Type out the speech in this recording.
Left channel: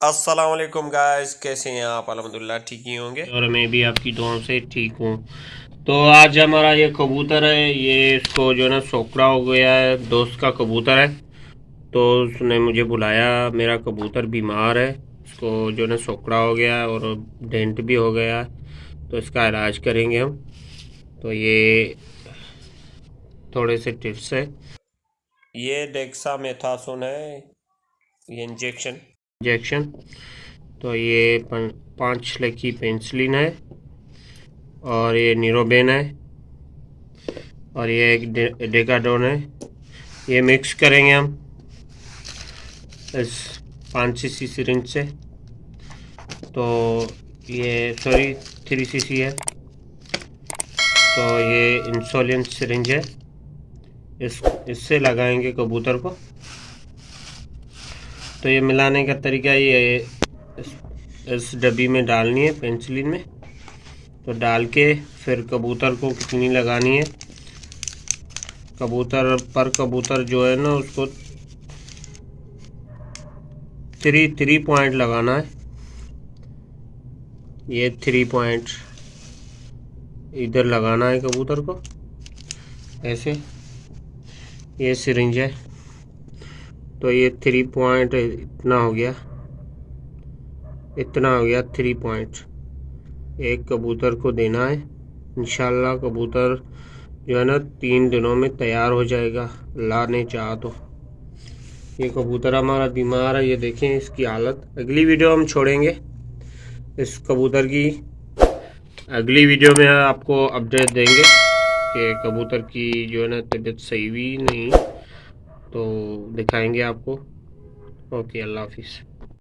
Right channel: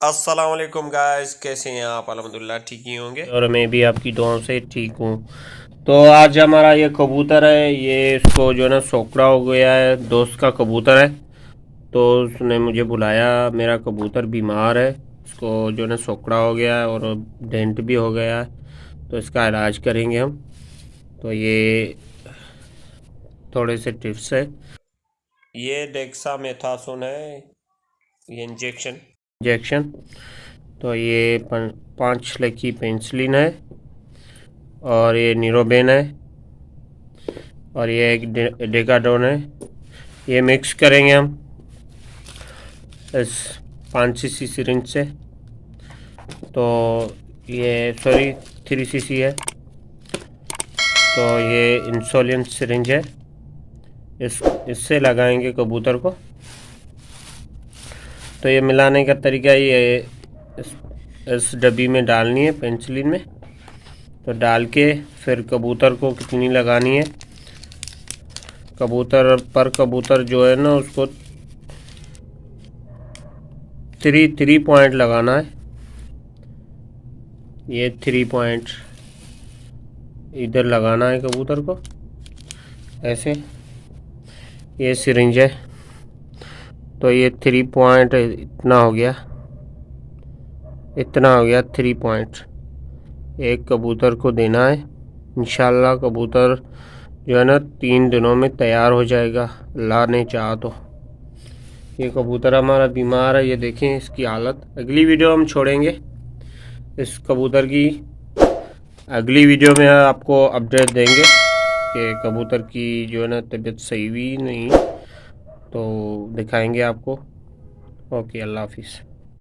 अस्सलाम वालेकुम गाइस, कैसे हैं आप? अल्हम्दुलिल्लाह ठीक ही होंगे और मैं भी आपकी दुआओं से ठीक हूँ। तो आज हमारा ये कबूतर है, ये इसको जो है ना सोकड़ा हो गया है, दोस्त का कबूतर है। तो उसने मुझे बुलाया, मेरा कबूतर बीमार है, उसको जो है ना सोकड़ा हो गया है और डेंट भी हो गया है, तो इसका इलाज करेंगे हम। तो ये थोड़े से टिप्स है। ये डेक्सामेथासोन है, ये इंजेक्शन। तो ये 5 की पेंसिलिन है और ये नीरोबेन है और ये एक डेकाडोन है। ये मिक्स करेंगे हम इस 5 cc सिरिंज से। तो ये सॉरी 3 cc है। तो ये इंसुलिन सिरिंज है, इससे लगाएंगे कबूतर को। तो ये मिलाने का तरीका ये इस डब्बी में डालनी है, पेंसिलिन में। तो डाल के फिर कबूतर को कितनी लगानी है, कबूतर जो है ना उसको 3 पॉइंट लगाना है। ये 3 पॉइंट इधर लगाना है कबूतर को, ऐसे। ये सिरिंज है, तो ये 3 पॉइंट इतना हो गया 3 पॉइंट एक कबूतर को देना है। इंशाल्लाह कबूतर जो है ना 3 दिनों में तैयार हो जाएगा, अल्लाह ने चाहा तो। ये कबूतर हमारा बीमार है, ये देखें इसकी हालत। अगली वीडियो हम छोड़ेंगे इस कबूतर की, अगली वीडियो में आपको अपडेट देंगे कि कबूतर की जो है ना तबीयत सही हुई नहीं, तो दिखाएंगे आपको। ओके, अल्लाह हाफिज़।